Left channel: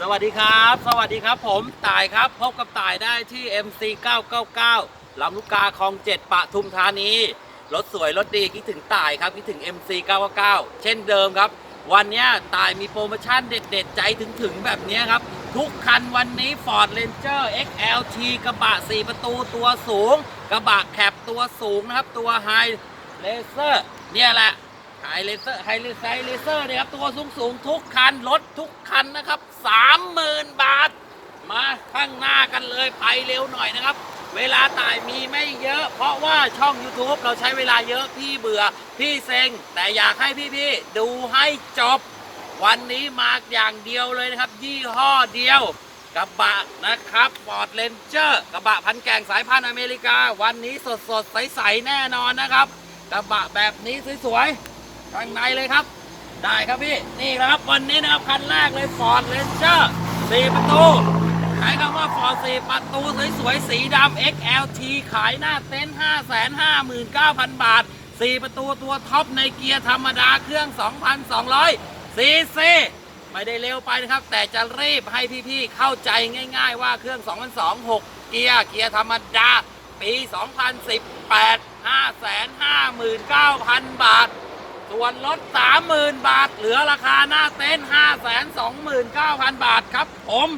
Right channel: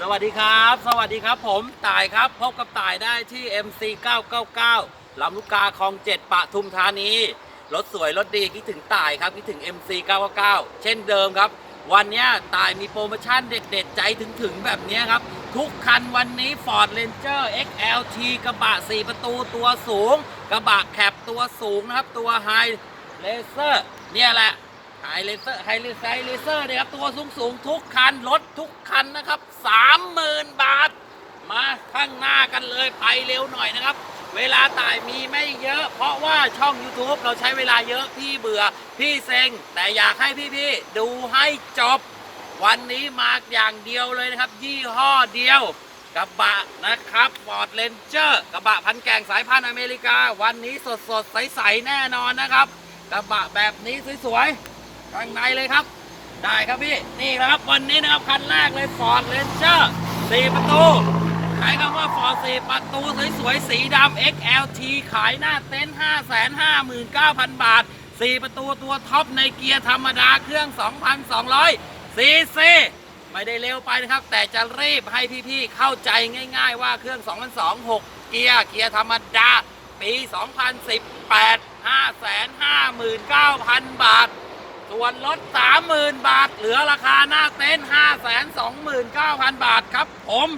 สวัสดีครับ สวัสดีครับ ผมต่ายครับพบกับต่ายได้ที่ MC 999ลำลูกกาคลอง7ปะทุมธานีรถสวยรถดีคิดถึงต่ายครับคิดถึง MC 999เช่นเดิมครับ วันเนี้ยต่ายมีโปรโมชั่นเด็ด ๆ ใจถึงๆแบบนี้ครับ ทุกคันวันนี้ Ford Ranger XLT กระบะ 4 ประตูตัวสูง กระบะแคปตัวสูงนะครับ ตัว High Racer เนี่ยแหละ ไฮเลเซอร์ไฮเลไซเลเซอร์นี่ยครับตัวสูงสูงทุกคันรถทุกคันนะครับสามหมื่นบาท มาข้างหน้ากันเลยไปเร็วหน่อยนะครับ เวลาต่ายมีไม่เยอะ เพราะว่าช่อง YouTube เราใช้เวลาเยอะพี่เบื่อพี่เซ็ง แต่อยากให้พี่ๆดูให้จบ วันนี้มาอย่างเดียวเลยนะครับ ยี่ห้อเดียวกระบะนะครับ Ford Ranger กระบะพันแก่งสายพันธุ์อเมริกา วันนี้สดสดๆใสๆแน่นอนนะครับ กระบะแบบนี้สวยๆ ข้างในเลยครับ ได้ครับพี่ นี่นะครับวันนี้นะครับคันแรกเลย Ford Ranger 4ประตู ใช้คำว่า Ford 4ประตูสวยๆสีดำ XLT ขายหน้าเต็นท์559,000 บาท 4 ประตูตัวท็อปในเกียร์ธรรมดาเครื่อง 2,200ซีซีไม่ได้เร็วไปนะครับ แต่จะรีบให้พี่ๆเข้าใจง่าย ๆ ว่าเครื่อง2002 6เกียร์เกียร์ธรรมดาปี 2018 559,000 บาท ส่วนลด 30,000 บาท เหลือราคาหน้าเต็นท์529,000 บาทครับผม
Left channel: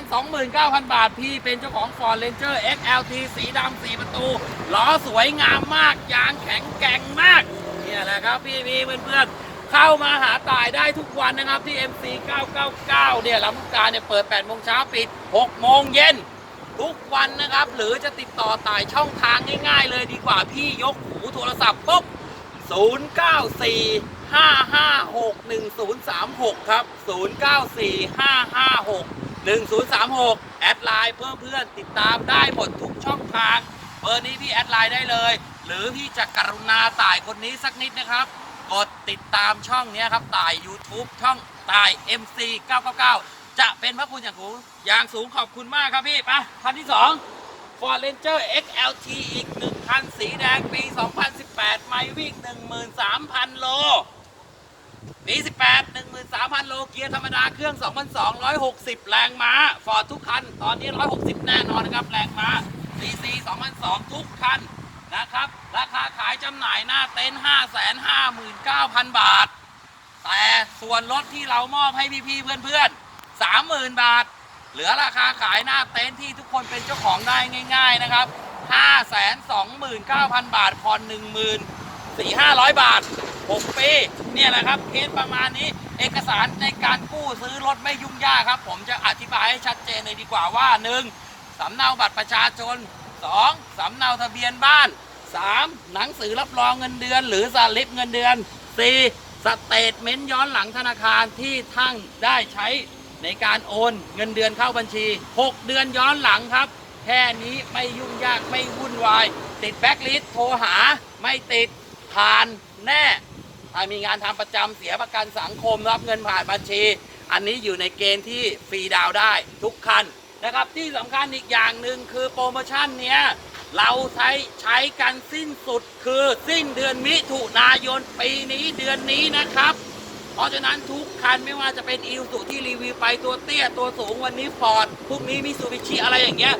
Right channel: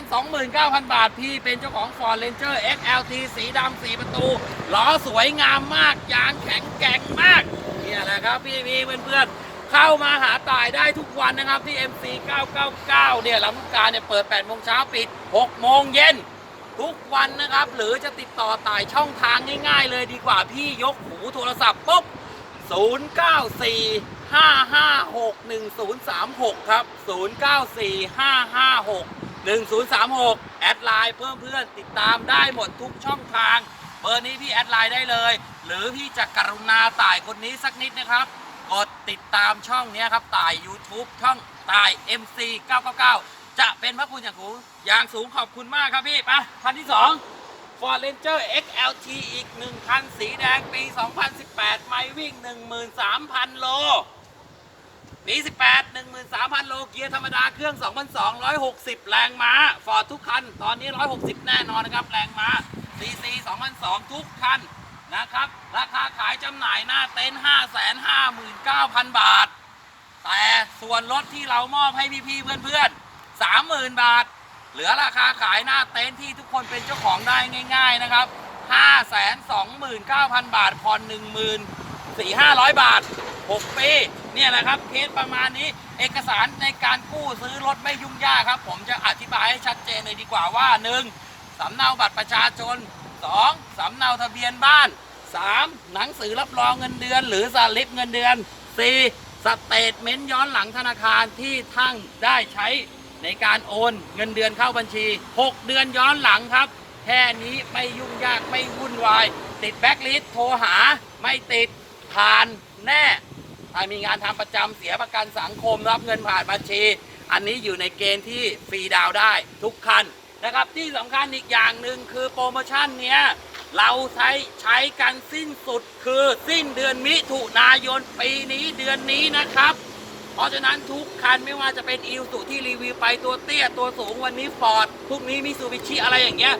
529,000 บาท พี่เป็นเจ้าของ Ford Ranger XLT สีดำสีประตูล้อสวยงามมาก ยางแข็งแกร่งมากนี่แหละครับพี่พี่เพื่อนๆ เข้ามาหาต่ายได้ทุกวันนะครับที่ MC 999 เนี่ยลำลูกกาเนี่ยเปิด8โมงเช้าปิด6โมงเย็นทุกวันนะครับ หรือจะติดต่อต่ายช่องทางง่าย ๆ เลยดีกว่าพี่ยกหูโทรศัพท์ปุ๊บ 094 556 1036 ครับ 094 556 1036 แอดไลน์เพื่อเพื่อนติดตามได้หมดทุกช่องทาง เบอร์นี้พี่แอดไลน์ได้เลย หรือพี่จะกรุณาต่ายคนนี้สักนิดนะครับ กดติดตามช่องนี้ครับต่าย YouTube ช่องต่าย MC 999 จะเป็นพระคุณอย่างสูงอย่างสูงขอบคุณมากครับพี่ไปคันที่ 2 Ford Ranger XLT อีกหนึ่งคัน สีแดง ปี 2018 ไม่วิ่ง 13,000 โล ปี 18 13,000 โล เกียร์ธรรมดา เครื่อง 2,260 แรงม้า ฟอร์ดทุกคัน ตอนนี้ 160 แน่นอนนะครับ แรงม้า CC 2,002 ทุกคัน นะครับ ราคาขายจำหน่ายหน้าเต็นท์559,000 บาท แต่ส่วนลดที่เรามอบให้พี่ๆเพื่อนๆ30,000 บาท เหลือราคาขายหน้าเต็นท์ที่ทุกคนเป็นเจ้าของได้ง่าย ๆนะครับ 529,000 บาทผ่อน10,000 4 500 บาท 6 ปี เนี่ยแหละครับเคสประมาณนี้เอกสารในการกู้ซื้อรถไม่ยุ่งยากครับ ผมจะอธิบายให้ชัดเจนเลยดีกว่าว่า 1. สำเนาบัตรประชาชน 2. สำเนาทะเบียนบ้าน 3. หนังสือรับรองเงินเดือน หรือสลิปเงินเดือน 4. สเตทเมนต์ย้อนหลังธนาคารที่ท่านได้ใช้ ในการโอนเงินเดือนเข้าบัญชี 6 เดือนย้อนหลังครับ แค่นี้ไม่ยุ่งยากไม่วุ่นวาย ติดแบ็กลิสโทรหาไม่ติดผ่านแน่ถ้ามีงานทำประจำเสียประกันสังคมรับเงินผ่านบัญชี อันนี้อยู่ในเกณฑ์ที่ฟรีดาวได้ทุกคันนะครับที่สำคัญอีกอย่างหนึ่งคือโปรโมชั่นเนี้ยเราใช้ใช้กันสิ้นสุดคือสิ้นเดือนมิถุนายนปีนี้เดือนนี้นะครับ เพราะฉะนั้นทุกคันไม่ว่าจะเป็นอีสุที่รีวิวไปตัวเตี้ยตัวสูงวันนี้ฟอร์ดพรุ่งนี้มิซูบิชิอะไรอย่างเงี้ย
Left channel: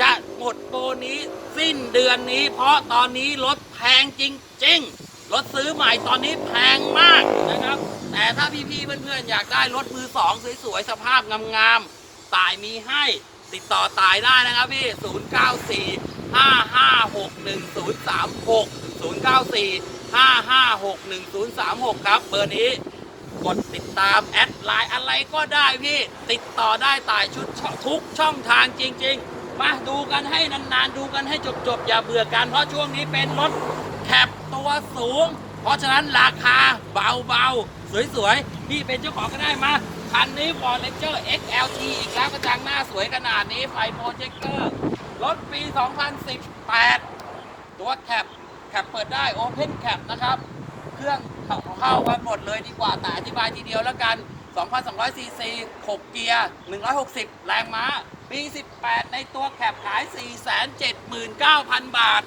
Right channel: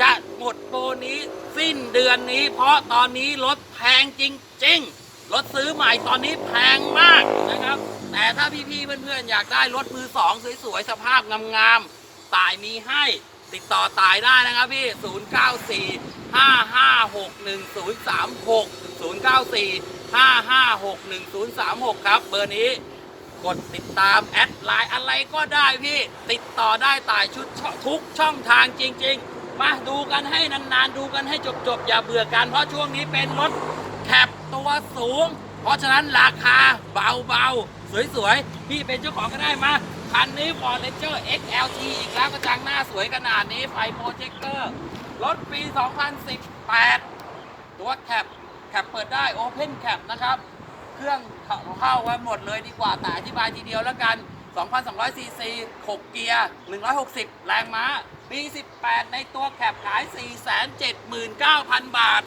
จะหมดโปรนี้สิ้นเดือนนี้ เพราะตอนนี้รถแพงจริงๆรถซื้อใหม่ตอนนี้แพงมากนะครับ แต่ถ้าพี่ๆเพื่อนๆอยากได้รถมือสองสวยๆสภาพงามๆตายมีให้ติดต่อตายได้นะครับพี่ 094 5561036 094 5561036 ครับ เบอร์นี้ กดติดตามแอดไลน์อะไรก็ได้พี่ ติดต่อได้ตายชุดชทุกช่องทางจริง ๆ มาดูกันให้นานๆ ดูกันให้จบๆ อย่าเบื่อกัน เพราะช่วงนี้เป็นรถแคปตัวสูง เพราะฉะนั้นราคาเบาๆ สวยๆ พี่เป็นเจ้าของก็ได้มาคันนี้ Ford Ranger XLT อีกแล้วกระจังหน้าสวยขนาดนี้ไฟโปรเจคเตอร์ รถปี 2018 ตัวแคปแคปเปิดได้ Open Cap นะครับ เครื่อง เข้ากันหมดเลยดีกว่าแต่อธิบายทีเดียวแล้วกัน 2,200 ซีซี 6 เกียร์ 160 แรงม้า ปี 18 ในตัวแคปขาย 479,000 บาท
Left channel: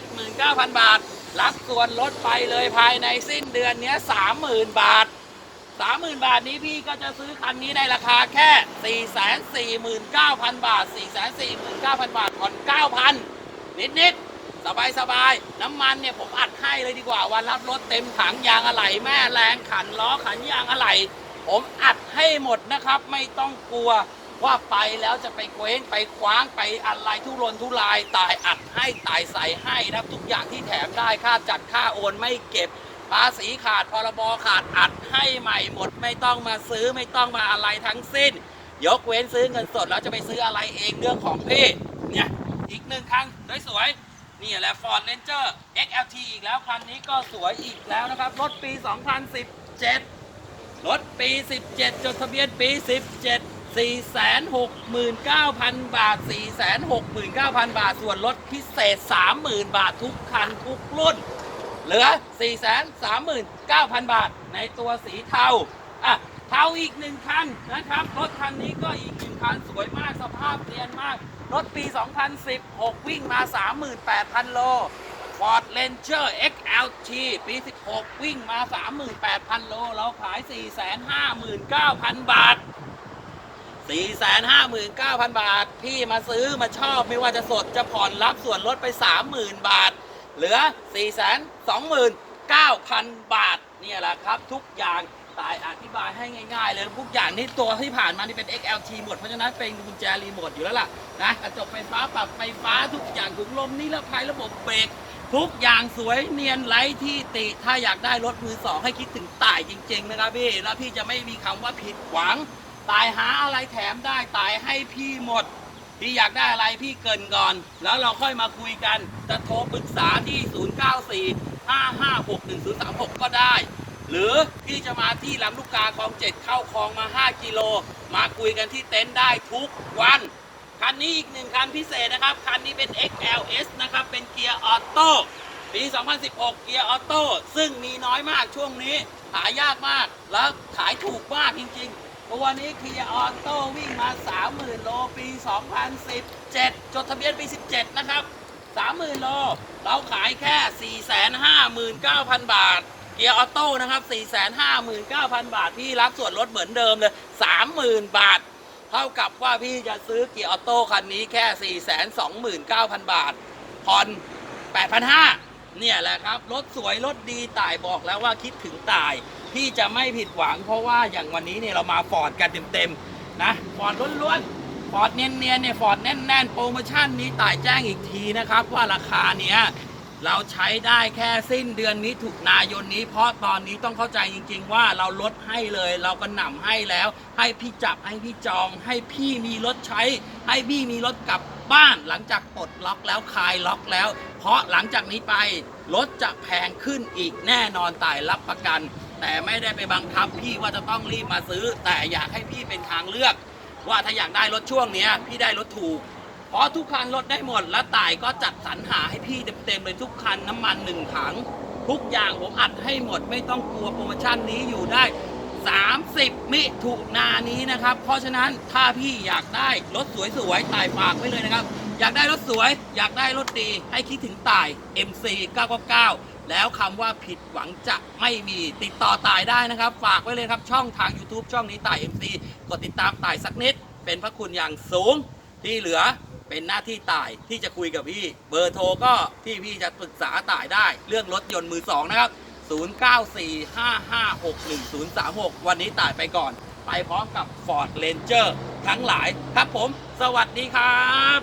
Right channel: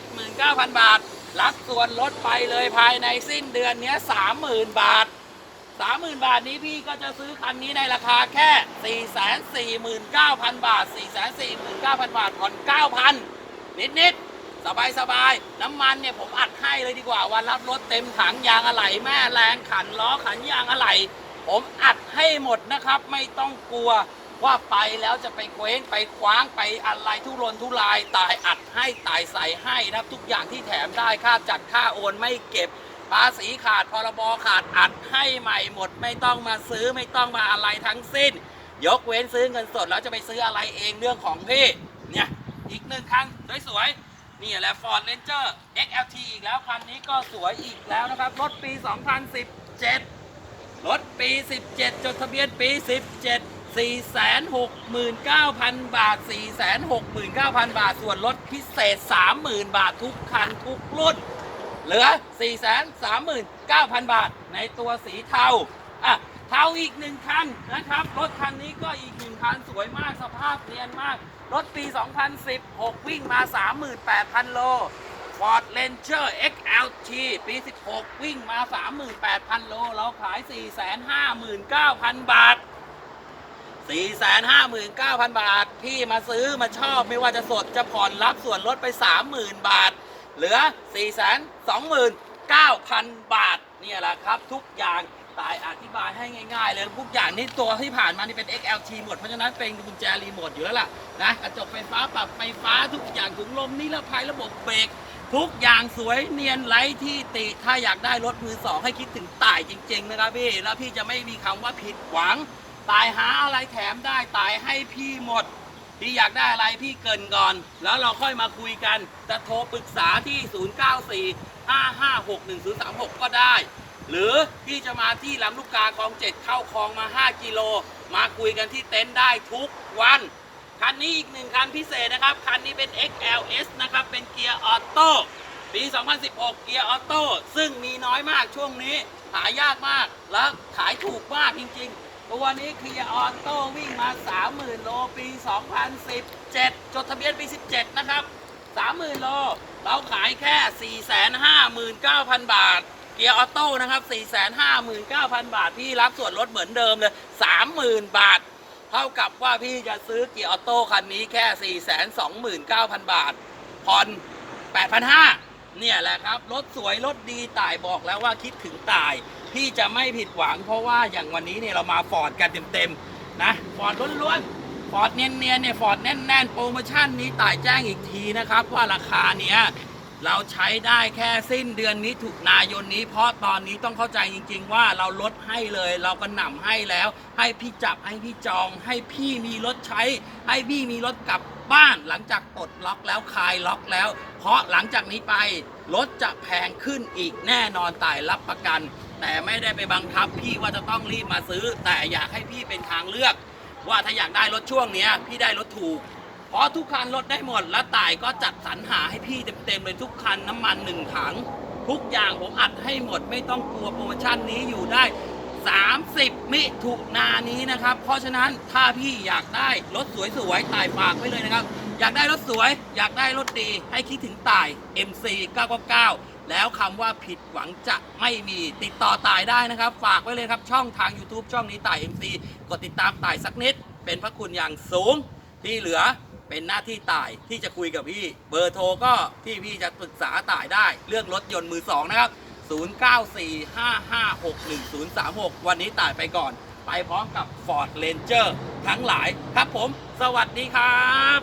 479,000 บาท รับส่วนลดไปเลยภายในสิ้นเดือนนี้ 30,000 บาทสามหมื่นบาทนี้พี่ก็จะซื้อคันนี้ในราคาแค่ 4 4 9 0 0 0 บาท 4 4 9 0 0 0 บาทผ่อน9,000 นิดนิด สบายสบายน้ำมันเนี่ยผมอัดให้เลยดีกว่า วันรับรถเต็มถังยางอะไหล่แม่แรงขันล้อขันยางอะไหล่ผมอัดให้หมดนะครับ ไม่ต้องกลัวว่าไปแล้วจะไปเคว้งไปคว้างไปอะไรทุรนทุรายตายอัดให้ตายใส่ให้นะครับ ทุกอย่างที่แถมได้ค่าจัดค่าโอนไม่เก็บภาษีขาดพรบขาดอัดให้ใหม่หมด ไม่ต้องมาซื้อไม่ต้องมาอะไรทั้งสิ้น ยกเว้นซื้อเงินสดแล้วจะไปซื้ออะไรเองเรื่องของพี่เนี่ยอีกหนึ่งคันสวยๆ นี่แหละ Ford Ranger XLT อีกแล้ว คันนี้ก็สวยอีกแล้วนะครับ รถปี 2017 รถปี 17 จดทะเบียนปี 17 469,000 บาท 469,000 บาท ส่วนลดพิเศษ 30,000 บาททุกคันทุกรุ่น เหลือ 439,000 บาทในตัวสีเทา อะ เทาอีกหนึ่งคันนะครับ รถคันนี้ก็อีกหนึ่งคันสวยมากสภาพเรียนมาก รถปี 2016 วิ่งมา 38,000 โล Ford Ranger XLT ปี 16 วิ่งมา 38,000 โล เราขาย 459,000 บาท 459,000 บาท พี่มาซื้อมาชอบไม่ว่าจะสดจะผ่อนรับส่วนลดไป 30,000 บาท เหลือ 429,000 บาท เนี่ยแหละครับทุกอย่าง ตายอธิบายให้ง่าย ๆ เลยทุกอย่างนี่ตัวที่ผ่านมานี่เป็น XLT หมดเพราะฉะนั้นเป็นกุญแจรีโมทอยู่แล้วล่ะนะกระจกไฟฟ้าปรับไฟฟ้าทุกอย่างถุงลมนี่ละภายระบบเบรกทุกอย่างสวยเนียนไร้ที่ติถ้าอยากได้รถมือสองให้คิดถึงต่ายจริง ๆ นะครับพี่แล้วพี่จะไม่มีคำว่าผิดหวัง ตายหาอะไรแถมได้ตายให้พี่หมดพี่อยากได้อะไรพี่เกินก่อน แล้วเราค่อยมาคุยกันจะโทรปรึกษาที่ 0945561036 ก็ได้ หรือพี่จะมาที่ลำลูกกาคลองเจ็ดเข้าคลองมา 5 กิโล มาคุยกันที่เต็นท์ได้ทุกวัน คันนี้อีกหนึ่งคันพิเศษนะครับ คันนี้เป็น XLS นะครับ เป็นเกียร์ออโต้ปี 2016 เกียร์ออโต้ซึ่งมีน้อยมากช่วงนี้ หายากมากแล้วขายถูกมากจริงๆ ตัวนี้เกียร์ออโต้วิ่งมา 30,000 โลปี 2017 จดทะเบียนปี 17 นะครับ 30,000 โล เราขายแค่ 459,000 บาท เกียร์ออโต้นะครับ459,000 บาทพี่รับส่วนลดเหมือนเดิมเลย 30,000 บาท เท่ากับว่าพี่จะซื้อเกียร์ออโต้คันนี้แค่ 429,000 บาท ผ่อน 8,500เนี่ยแหละครับ รถสวย รถดีต่ายบอกแล้วว่าคิดถึงต่าย พี่จะไม่ผิดหวัง เพราะว่าอย่างวันนี้เนี่ยเรามาฟอร์ดกันเต็มๆนะฟอร์ดล้วนๆฟอร์ดเนียนๆเนี่ยฟอร์ดแน่นๆโปรโมชั่นนี้ต่ายแจ้งอีกทีนะครับว่าราคาเนี้ย เราใช้ได้แค่สิ้นเดือนมิถุนายนนี้ เพราะตอนนี้ต้องเข้าใจจริง ๆ ว่าเราลดให้เลย เราก็หน่ำให้แล้ว ให้พี่จับให้พี่จอง ให้พี่มีรถใช้ ให้พี่มีรถกลับบ้านหลังจากปลดล็อกแล้วคลายล็อกแล้ว เพราะหลังจากนี้ไปรถจะแพงขึ้นอีกแน่นอนตายรับประกัน แต่ไม่ได้ไปบังคับพี่ว่าจะต้องรีบมาซื้อ แต่อยากให้พี่เป็นทางเลือก ว่าถ้าอยากได้รถช่วงเนี้ยพี่ได้รถถูก เพราะทุกคันลดได้หมด และต่ายก็จัดสรรหาให้พี่เต็มๆเลยทุกคันน้ำมันหนึ่งถัง ทุกอย่างผมอัดให้หมดไม่ต้องกลัวโปรโมชั่นนี้อยู่ได้ 30 มิถุนายนนี้นะครับ เพราะฉะนั้นถ้าพี่อยากได้รถสวยๆต่ายฝากไว้เลยนะครับ อยากได้รถสวย อยากได้รถดีให้คิดถึงต่าย MC 999 แล้วคำว่าผิดหวังจะไม่มีติดต่อต่ายได้นะครับ ฝากไว้เลยครับช่องทาง YouTube ช่องนี้ต่าย MC กดติดตามต่ายสักนิด เป็นพระคุณอย่างสูงที่เหลือ เป็นหน้าที่ต่ายที่จะคุยกับพี่ เบอร์โทรก็ที่พี่จะปรึกษาต่ายได้ เรื่องรถยนต์มือสองนะครับ 0945561036 วันนี้ต่ายไปก่อน ไปพร้อมกับ Ford Ranger ทั้งหลายครับผม สวัสดีครับ